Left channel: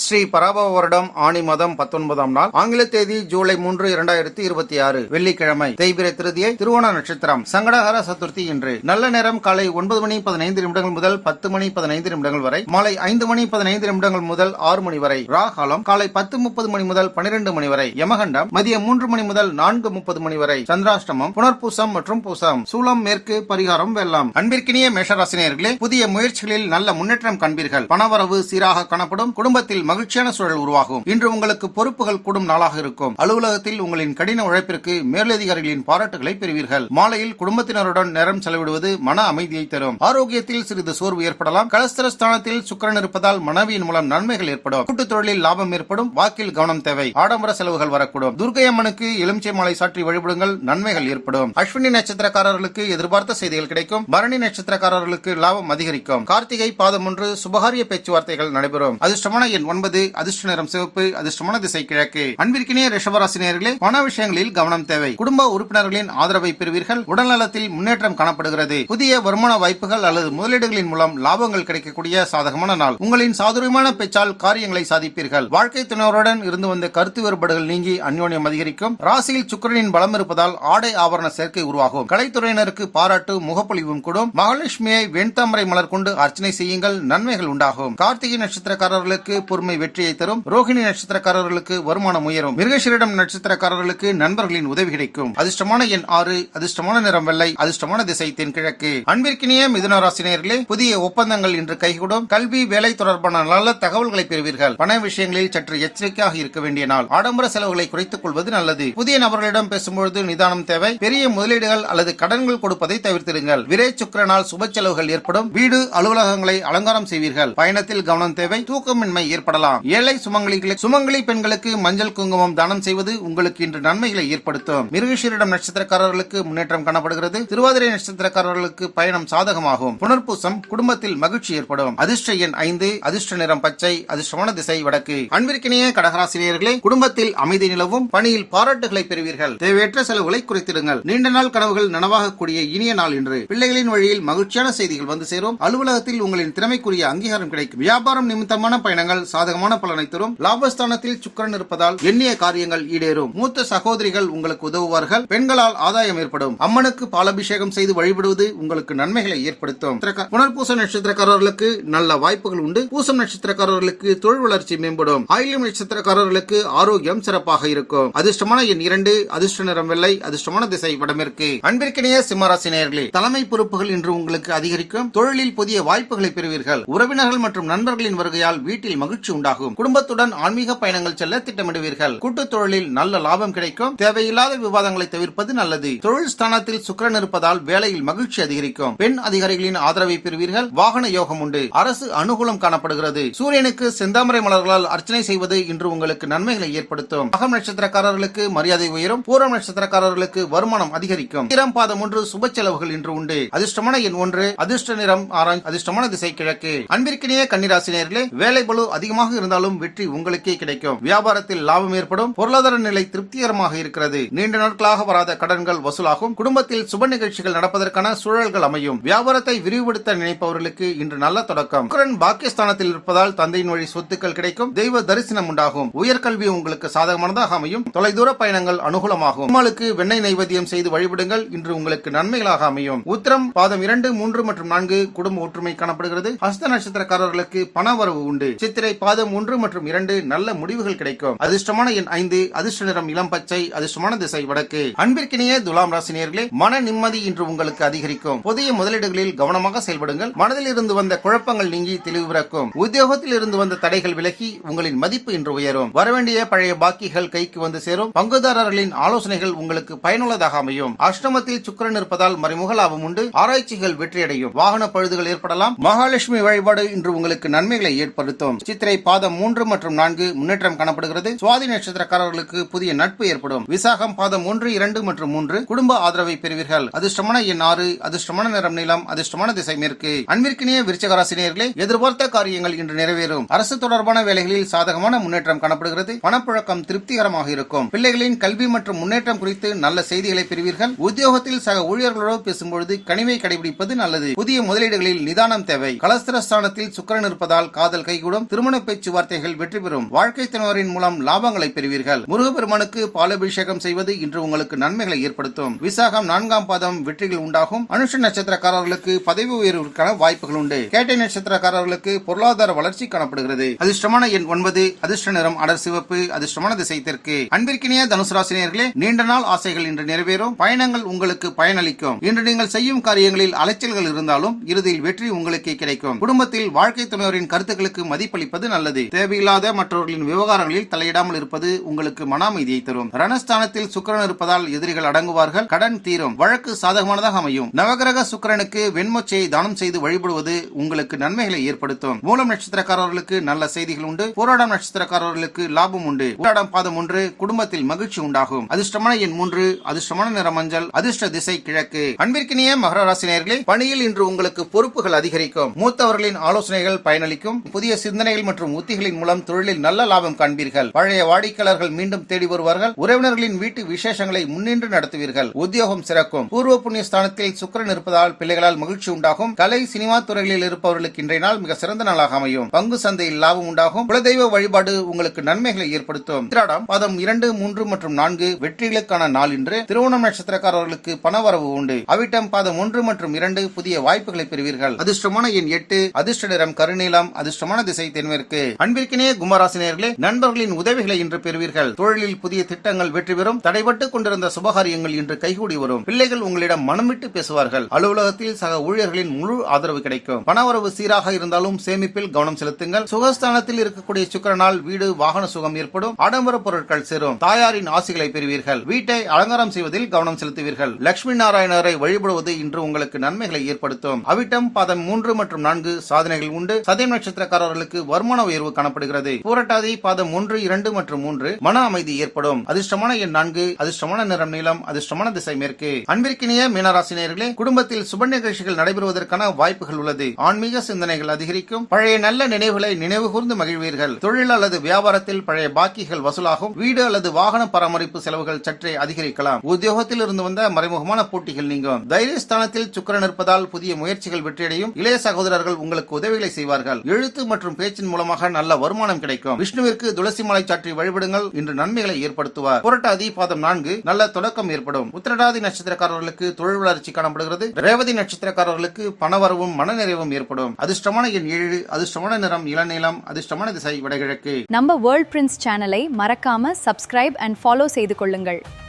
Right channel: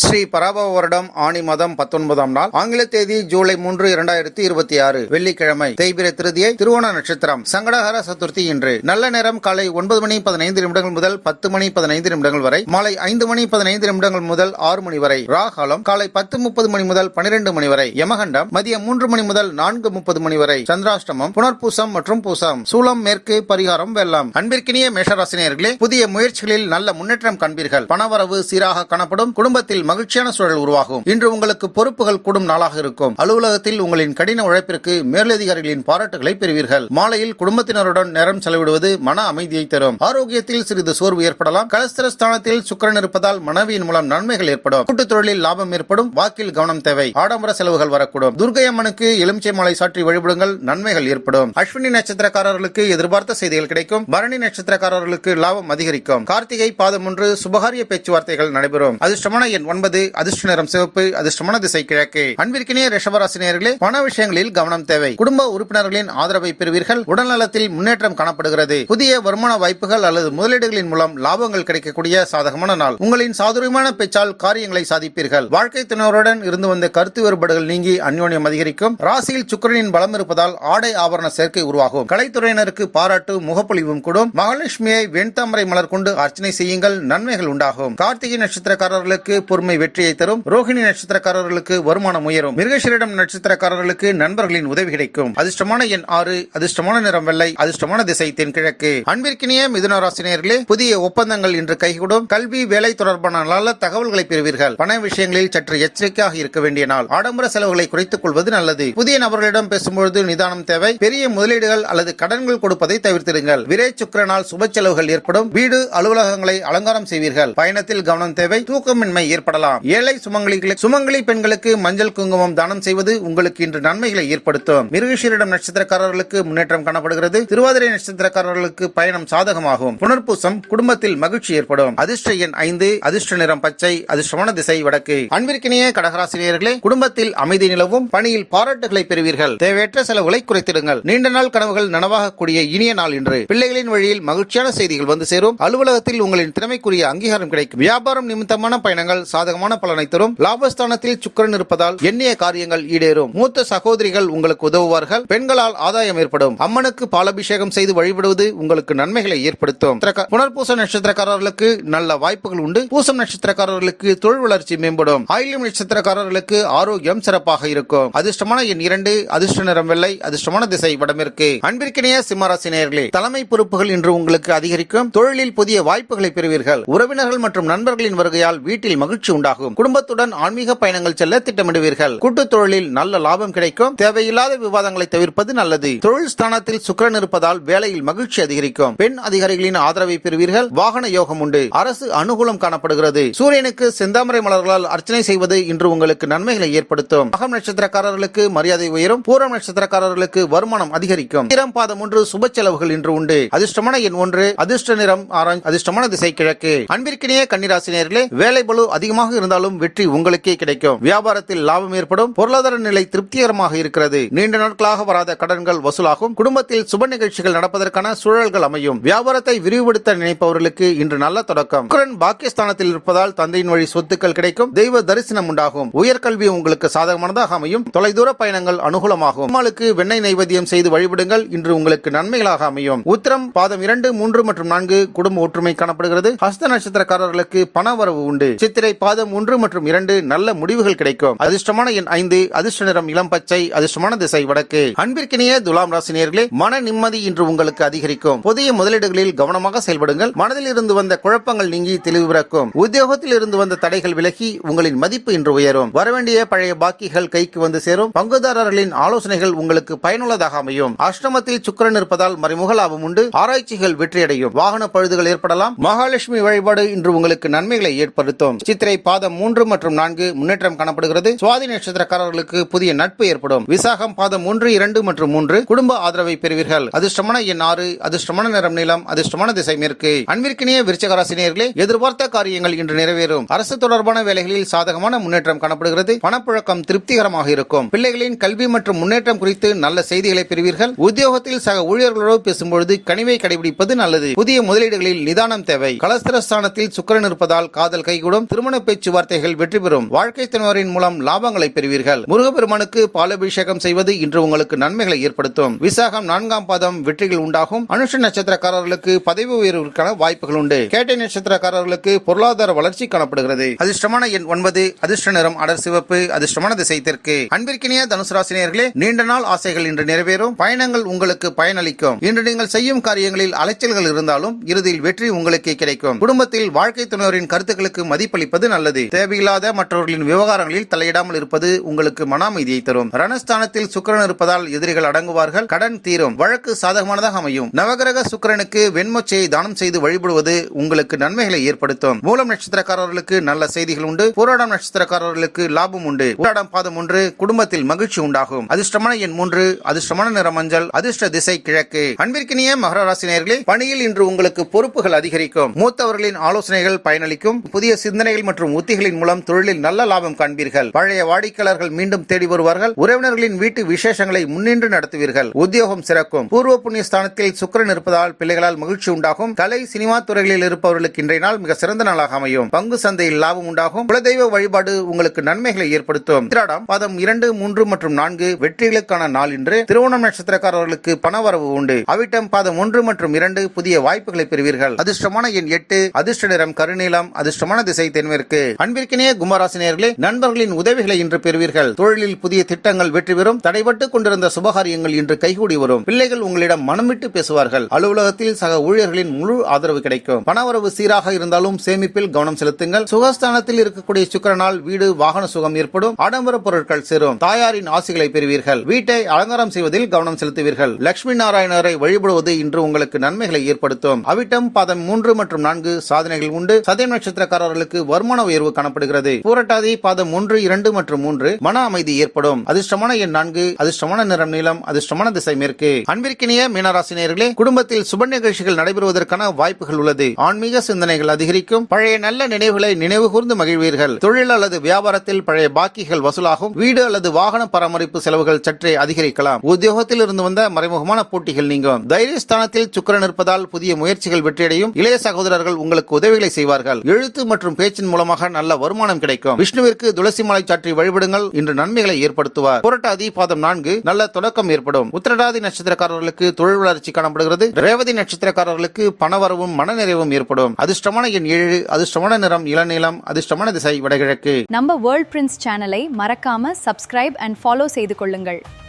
ஸ்ரீ பராபவ வருடம் ஆணி மாதம் 19ஆம் நாள், ஆங்கில தேதி ஜூலை 3, 2026 வெள்ளிக்கிழமை, தேய்பிரை திருதியை, திருவோண நட்சத்திரம், சங்கடஹர சதுர்த்தி இன்று. நல்ல நேரம் காலை 9 மணி 15 நிமிடங்கள் முதல் 10 மணி 15 நிமிடங்கள் வரை, மாலை 5 மணி 15 நிமிடங்கள் முதல் 6 மணி வரை. ராகாலம் காலை 10:30 மணி முதல் 12 மணி வரை. யமகண்டம் மதியம் 3 மணி முதல் 4:30 மணி வரை. சந்திராஷ்டமம் புனர்பூசம் மற்றும் பூசம். சூலம் மேற்கு, பரிகாரம் வெள்ளம். அன்பிற்கினிய மேஷராசினியர்களே, புதிய முயற்சிகளில் நல்ல முன்னேற்றம் காண்பீர்கள். பணவரவு சீராக காணப்படும். குடும்பத்தில் மகிழ்ச்சியான சூழல் உருவாகும். இன்று உங்களுக்கு பொறுப்புகள் கூடும் நாளாக இருக்கும். அலுவலகத்தில் உங்களின் கடின உழைப்பிற்கு மேலதிகாரிகளின் பாராட்டுகளை பெறுவீர்கள். மாலையில் குடும்பத்தினருடன் நேரம் செலவிடுவது மன அமைதியை தரும். ஆரோக்கியத்தில் சிறிது சோர்வு ஏற்படலாம். கலஸ்திரஸ்தானத்தில் சுக்கிரன் இருப்பதால் மனைவியின் மூலம் நன்மைகள் ஏற்படும். கூட்டுத் தொழிலில் லாபம் ஏற்படும். வாக்கில் கவனம் தேவை. ஆடம்பர செலவுகள் வரக்கூடும். துர்க்கை அம்மனுக்கு எலுமிச்சை மாலை சாற்றி வழிபடுங்கள். நன்மைகள் ஏற்படும். அஸ்வினி நட்சத்திரக்காரர்களுக்கு எதிர்பார்த்த செய்திகள் கிடைக்கும். பரணி நட்சத்திரக்காரர்களுக்கு லாபம் அதிகரிக்கும். கார்த்திகை பாதம் 1 சுபகாரிய பேச்சுவார்த்தைகள் நடைபெறும். அதிர்ஷ்டமான எண் 9, அதிர்ஷ்ட நிறம் சிவப்பு, அதிர்ஷ்டமான திசை கிழக்கு. அன்பிற்கினிய ரிஷபராசினியர்களே, பண விஷயங்களில் கவனம் தேவை. குடும்ப உறுப்பினர்களின் ஆதரவை பெறுவீர்கள். உடல்நலத்தில் முன்னேற்றம் காணப்படுகிறது. புதிய வருமான வாய்ப்புகள் அல்லது முதலீடுகளின் மூலம் லாபங்கள் கிடைக்கக்கூடிய சாதகமான நாள். உங்களின் சாதுரியமான பேச்சால் காரியங்களை சாதிப்பீர்கள். வாழ்க்கை துணைவருடன் இருந்து வந்த கருத்து வேறுபாடுகள் நீங்கி அந்யோன்யம் அதிகரிக்கும். ராசியில் சுக்கிரனின் பலம் இருப்பதால் ஆடை ஆபரண சேர்க்கை உருவாகும். கலைத்துறையினருக்கு பாராட்டு முகப்பொழிவும் கூடும். மகாலட்சுமியை வெண்தாமரை மலர் கொண்டு அர்ச்சனை செய்யுங்கள். நன்மைகள் உண்டாகும். கார்த்திகை நட்சத்திரக்காரர்களுக்கு பொறுமை வெற்றியை தரும். ரோஹிணி நட்சத்திரக்காரர்களுக்கு வருமானம் உயரும். மிருகசீரிடம் நட்சத்திரக்காரர்களுக்கு நண்பர்களின் உதவி கிடைக்கும். அதிர்ஷ்டமான எண் 6, அதிர்ஷ்டமான நிறம் வெள்ளை, அதிர்ஷ்டமான திசை தென்கிழக்கு. அன்பிற்கினிய மிதுன ராசினியர்களே, புதிய ஒப்பந்தங்கள் இன்று கைகூடும். கல்வி, வேலை தொடர்பான நல்ல தகவல்களை பெறுவீர்கள். பண விஷயங்களில் சற்று எச்சரிக்கையாக இருக்க வேண்டிய நாள். ஆடம்பர செலவுகளை குறைத்துக் கொள்வது நல்லது. புதிய நபர்களிடம் பேசும்பொழுது நிதானம் தேவை. பெரிய முதலீடுகள் அல்லது கடன்கள் கொடுப்பதை தவிர்த்திடுங்கள். விரை சுக்கிரனால் சுப செலவுகள் ஏற்படும். வீடு, அலுவலகங்களை அலங்காரம் செய்வீர்கள். பயணத்தில் கவனம் தேவை. தூக்கமின்மை ஏற்படலாம். ஏழை சுமங்கலி பெண்களுக்கு மஞ்சள் குங்குமம் தானம் செய்வது உங்களுக்கு இன்று நன்மைகளை ஏற்படுத்தும். மிருகசீரிடம் நட்சத்திரக்காரர்களுக்கு முன்னேற்றம் காணப்படுகிறது. திருவாதிரை நட்சத்திரக்காரர்களுக்கு பயணம் சாதகமாகும். புனர்பூசம் குடும்பத்தில் மகிழ்ச்சி ஏற்படும். அதிர்ஷ்ட எண் 5, அதிர்ஷ்ட நிறம் பச்சை, அதிர்ஷ்டமான திசை வடக்கு. அன்பிற்கினிய கடகராசினியர்களே, குடும்பத்தில் அமைதி நிலவும். பணியில் பாராட்டுகளை பெறுவீர்கள். தேவையற்ற செலவுகளை குறைத்திடுங்கள். நீண்ட நாள் கனவுகள் நனவாகக்கூடிய இனிய நாள் இன்று. பிள்ளைகளின் வழியில் மகிழ்ச்சியான செய்திகள் வந்து சேரும். அலுவலகத்தில் உங்களின் திறமைக்குரிய அங்கீகாரம் கிடைக்கும். வியாபாரம் நிமித்தமான பயணங்கள் சாதகமான பலனை தரும். லாபஸ்தானத்தில் சுக்கிரன் இருப்பதால் எண்ணிய காரியங்கள் ஈடேறும். மூத்த சகோதரிகள் உங்களுக்கு உதவுவார்கள். பெண்களால் ஆதாயம் ஏற்படும். அம்மனுக்கு பாலாபிஷேகம் செய்து வழிபடுவது உங்களுக்கு நன்மைகளை ஏற்படுத்தும். புனர்பூச நட்சத்திரக்காரர்களுக்கு நல்ல வாய்ப்புகள் உண்டு. பூசம் நட்சத்திரக்காரர்களுக்கு தொழில் வளர்ச்சி மேம்படும். ஆயில்யம் நட்சத்திரக்காரர்களுக்கு ஆரோக்கியம் சிறப்பாக இருக்கும். அதிர்ஷ்டமான எண் 2, அதிர்ஷ்ட நிறம் வெள்ளை, அதிர்ஷ்டமான திசை வடமேற்கு. அன்பிற்கினிய சிம்மராசினியர்களே, தலைமை பொறுப்புகள் இன்று உங்களுக்கு அதிகரிக்கும். தொழிலில் புதிய வாய்ப்புகளை பெறுவீர்கள். உறவினர்கள் மற்றும் நண்பர்களின் வருகையால் வீட்டில் மகிழ்ச்சி உண்டாகும். குடும்பத்துடன் ஆன்மீக பயணங்கள் செல்ல திட்டமிடுவீர்கள். கூட்டுத் தொழிலில் நல்ல லாபம் கிடைக்கும். தேவையில்லாத விவாதங்களை தவிர்ப்பது நல்லது. தொழில் ஸ்தானத்தில் சுக்கிரன் இருப்பதால் வேலையில் மகிழ்ச்சி அதிகரிக்கும். பெண் அதிகாரிகளின் ஆதரவை பெறுவீர்கள். வாகன யோகம் உண்டு. அரசு அனுகூலம் காணப்படுகிறது. சூரியனுக்கு செந்தாமரை மலர்களால் அர்ச்சனை செய்வது இன்று உங்களுக்கு நன்மைகளை ஏற்படுத்தும். மகம் நட்சத்திரக்காரர்களுக்கு மரியாதை உயரும். பூரம் நட்சத்திரக்காரர்களுக்கு வருமானம் அதிகரிக்கும். பாதம் 1 சுப செலவுகள் இன்று உண்டு. அதிர்ஷ்டமான எண் 1, அதிர்ஷ்ட நிறம் ஆரஞ்சு, அதிர்ஷ்டமான திசை கிழக்கு. அன்பிற்கினிய கன்னிராசினியர்களே, வேலை பளு அதிகமாக இருந்தாலும் வெற்றி உங்களுக்கே கிடைக்கும். வியாபாரத்தில் லாபம் ஏற்படும். பொருளாதார நிலை திருப்திகரமாக இருக்கிறது. நீண்ட நாட்களாக வராத கடன்கள் வசூலாகும். குடும்பத்தில் சுப நிகழ்ச்சிகள் நடப்பதற்கான சூழல்கள் அமையும். வியாபாரத்தை விரிவுபடுத்த நினைப்பவர்களுக்கு இன்று நல்ல தொடக்கம். சுக்கிரன் பாக்கியஸ்தானத்தில் இருப்பதால் தந்தையின் வழி சொத்துக்கள் கிடைக்கும். தெய்வ தரிசனம் உண்டாகும். உயர்கல்வி உங்களுக்கு சாதகமானதாக அமையும். தொலைதூர பயணங்கள் அனுகூலமாகும். அம்மாளுக்கு வெண்ணெய் நைவேத்தியம் செய்து வழிபடுங்கள். இன்று உங்களுக்கு நன்மைகளாக அமையும். உத்திரம் பாதம் 2, 3 மற்றும் 4 குடும்ப ஒற்றுமை காணப்படுகிறது. ஹஸ்த நட்சத்திரக்காரர்களுக்கு பண வரவு உண்டு. சித்திரை பாதம் 1 மற்றும் 2 நல்ல முடிவுகள் கிடைக்கும். அதிர்ஷ்டமான எண் 5, அதிர்ஷ்ட நிறம் இளம் பச்சை, அதிர்ஷ்டமான திசை வடக்கு. அன்பிற்கினிய துலாம் ராசினியர்களே, மன நிம்மதி இன்று உங்களுக்கு அதிகரிக்கும். புதிய முதலீடுகளில் கவனமாக செயல்படுங்கள். மனதில் இருந்து வந்த குழப்பங்கள் நீங்கி தெளிவு பிறக்கும். உத்தியோகத்தில் இருந்து வந்த தடைகள் விலகி உங்களின் மதிப்பு இன்று உயரும். வரவேண்டிய பழைய பாக்கிகள் கைக்கு வந்து சேரும். பங்குதாரர்களின் ஆலோசனைகள் உங்களுக்கு பயனுள்ளதாக அமையும். அஷ்டமத்தில் சுக்கிரன் இருப்பதால் மறைமுக லாபம் உண்டு. ஆராய்ச்சிகள் வெற்றியடையும். வாகன பழுதுகள் ஏற்படலாம். மகாலட்சுமி வழிபாடு இன்று உங்களுக்கு நன்மைகளை ஏற்படுத்தும். சித்திரை பாதம் 3 மற்றும் 4 முன்னேற்றம் காணப்படுகிறது. சுவாதி நட்சத்திரக்காரர்களுக்கு புதிய நட்பு ஏற்படும். விசாகம் பாதம் 1, 2 மற்றும் 3 குடும்ப ஆதரவை பெறுவீர்கள். அதிர்ஷ்டமான எண் 6, அதிர்ஷ்டமான நிறம் நீலம், அதிர்ஷ்டமான திசை மேற்கு. அன்பிற்கினிய விருச்சிகராசினியர்களே, எதிர்பார்த்த காரியங்கள் இன்று நிறைவேறும். அரசு தொடர்பான வேலைகளில் சாதகமான முன்னேற்றம் காணப்படுகிறது. பணப்புழக்கம் திருப்திகரமாக இருக்கும். பிள்ளைகளின் கல்வி மற்றும் முன்னேற்றம் குறித்து நல்ல செய்திகளை பெறுவீர்கள். உத்தியோகத்தில் சக ஊழியர்களோடு பேசும்பொழுது கனிவை கடைபிடிப்பது நல்லது. புதிய முதலீடுகளில் நிதானம் தேவை. கலஸ்திரஸ்தானத்தில் சுக்கிரன் இருப்பதால் காதல் கைகூடும். திருமண பேச்சுவார்த்தைகள் வெற்றி பெறும். வாழ்க்கை துணைவரின் மூலம் லாபங்களை பெறுவீர்கள். முருகப்பெருமானுக்கு பாலாபிஷேகம் செய்வது இன்று உங்களுக்கு நன்மைகளை ஏற்படுத்தும். விசாகம் 4ஆம் பாதம் வெற்றிகள் உண்டாகும். அனுஷ நட்சத்திரக்காரர்களுக்கு பதவி உயர்வுக்கான வாய்ப்புகள் உண்டு. கேட்டை நட்சத்திரக்காரர்களுக்கு பொருளாதார வளர்ச்சி காணப்படுகிறது. அதிர்ஷ்டமான எண் 9. அதிர்ஷ்ட நிறம் அடர் சிவப்பு. அதிர்ஷ்டமான திசை தெற்கு. அன்பிற்கினிய தனுசு ராசினியர்களே, நீண்ட நாள் ஆசைகள் இன்று நிறைவேறும். பயணங்கள் உங்களுக்கு பயனளிக்கும். இன்று நீங்கள் செய்யும் காரியங்களில் அலைச்சல்கள் இருந்தாலும் இறுதியில் வெற்றி உங்களுக்கே கிடைக்கும். குடும்பத்தில் வாழ்க்கை துணைவரின் கருத்துக்களுக்கு மதிப்பளிப்பது நல்லது. தேவையில்லாத மற்றவர்களின் விவகாரங்களில் தலையிடாமல் இருப்பது உங்களுக்கு மன அமைதியை தரும். ரணஸ்தானத்தில் சுக்கிரன் இருப்பதால் எதிரிகள் அடங்குவார்கள். கடன் தீரும். வழக்கு சாதகமானதாக அமையும். நவகிரக சுக்கிரனுக்கு வெண்மொச்சையை தானம் செய்து வழிபடுவது உங்களுக்கு நன்மைகளை ஏற்படுத்தும். மூலம் நட்சத்திரக்காரர்களுக்கு நல்ல செய்திகள் உண்டு. போராடம் நட்சத்திரக்காரர்களுக்கு லாபம் உண்டு. போராடம் பாதம் 1. குடும்பத்தில் மகிழ்ச்சி உண்டாகும். அதிர்ஷ்டமான எண் 3. அதிர்ஷ்டமான நிற மஞ்சள். அதிர்ஷ்ட திசை கிழக்கு. அன்பிற்கினிய மகர ராசினியர்களே, பணியில் இன்று உங்களுக்கு பொறுப்புகள் அதிகரிக்கும். மூத்தவர்களின் ஆலோசனைகள் பயனளிக்கும். புதிய சிந்தனைகள் மற்றும் உத்திகளின் மூலம் தொழிலில் நல்ல லாபம் காண்பீர்கள். பழைய வாடிக்கையாளர்கள் மீண்டும் தேடி வருவார்கள். உறவினர்களின் வீட்டு விசேஷங்களை முன்னின்று நடத்துவீர்கள். உத்தியோகம் சிறக்கும். பூர்வ புண்ணிய ஸ்தானத்தில் சுக்கிரன் இருப்பதால் பிள்ளைகளால் மகிழ்ச்சி உண்டாகும். கலை சினிமா துறைகளில் இருப்பவர்களுக்கு இன்றைய நாள் மிக சிறந்த நாளாக அமையும். பங்கு சந்தையில் லாபம் உண்டாகும். குலதெய்வ வழிபாடு உங்களுக்கு நன்மைகளை ஏற்படுத்தும். உத்திராடம் பாதம் 2, 3 மற்றும் 4 வெற்றிகளுக்கான நாள் இன்று. திருவோணம் நட்சத்திரக்காரர்களுக்கு பணவரவு உண்டு. அவிட்டம் பாதம் 1 மற்றும் 2 புதிய வாய்ப்புகளை பெறுவீர்கள். அதிர்ஷ்டமான எண் 8. அதிர்ஷ்ட நிறம் கருநீலம். அதிர்ஷ்டமான திசை தென்மேற்கு. அன்பிற்கினிய கும்பராசினியர்களே, நண்பர்களின் உதவிகளை இன்று பெறுவீர்கள். தொழிலில் புதிய திட்டங்கள் வெற்றி பெறும். தடைபட்டு கொண்டிருந்த சுபகாரியங்கள் இன்று கைகூடி வரும். பிள்ளைகள் உங்களிடம் மனம் விட்டு பேசுவார்கள். அலுவலகத்தில் சக ஊழியர்களின் முழு ஆதரவு கிடைக்கும். பணவரவு சீராக இருந்தாலும் சேமிப்பில் கவனம் செலுத்துங்கள். சுகஸ்தானத்தில் இருக்கக்கூடிய சுக்கிரனால் வீடு வாகன சுகம் ஏற்படும். ஆடம்பர பொருட்கள் சேரும். தாயாரின் ஆசிகளை பெறுவீர்கள். வீட்டை அலங்காரம் செய்வதில் கவனம் செலுத்துவீர்கள். லட்சுமி நாராயணரை வழிபடுவது இன்று உங்களுக்கு நன்மைகளை ஏற்படுத்தும். அவிட்டம் பாதம் 3 மற்றும் 4 சாதனைகள் உண்டு. சதயம் நட்சத்திரக்காரர்களுக்கு வருமான உயர்வு காணப்படுகிறது. பூரட்டாதி பாதம் 1, 2 மற்றும் 3 மன அமைதி ஏற்படும். அதிர்ஷ்டமான எண் 4. அதிர்ஷ்டமான நிறம் நீலம். அதிர்ஷ்டமான திசை மேற்கு. அன்பிற்கினிய மீனராசினியர்களே, குடும்பத்தில் சுப நிகழ்ச்சிகள் நடைபெறுவதற்கான வாய்ப்புகள் உள்ளது. ஆன்மீக சிந்தனைகள் அதிகரிக்கும். பழைய நல்ல நினைவுகளை நினைவு கூர்ந்து மகிழ்வீர்கள். தொழில் அல்லது வியாபாரத்தில் பழைய பாக்கிகள் வசூலாகும். வீடு அல்லது வாகன பராமரிப்பு செலவுகள் சற்றே அதிகரிக்கலாம். உத்தியோகத்தில் இருந்து வந்த மறைமுகமான போட்டிகள் நீங்கும். தைரியஸ்தானத்தில் சுக்கிரன் இருப்பதால் புதிய முயற்சிகள் வெற்றியடையும். இளைய சகோதரர்கள் உங்களுக்கு உதவிகளை செய்வார்கள். எழுத்து மற்றும் பேச்சின் மூலமாக நல்ல வருமானம் கிடைக்கும். விஷ்ணுவிற்கு துளசி மாலை சாற்றி வழிபடுங்கள். இன்று நன்மைகளை ஏற்படுத்துவார். புரட்டாதி பாதம் 4 நல்ல தொடக்கம் ஏற்படும். உத்திரட்டாதி நட்சத்திரக்காரர்களுக்கு தொழில் வளர்ச்சி காணப்படுகிறது. ரேவதி நட்சத்திரக்காரர்களுக்கு பணவரவும் மனநிறைவும் ஏற்படும். அதிர்ஷ்டமான எண் 7. அதிர்ஷ்டமான நிறம் இளநீலம். அதிர்ஷ்டமான திசை வடகிழக்கு. நம்ம வேர்ல்ட் பிரின்ஸ் சேனலை மறக்காம சப்ஸ்கிரைப் அண்ட் ஃபாலோ செய்து கொள்ளுங்கள்.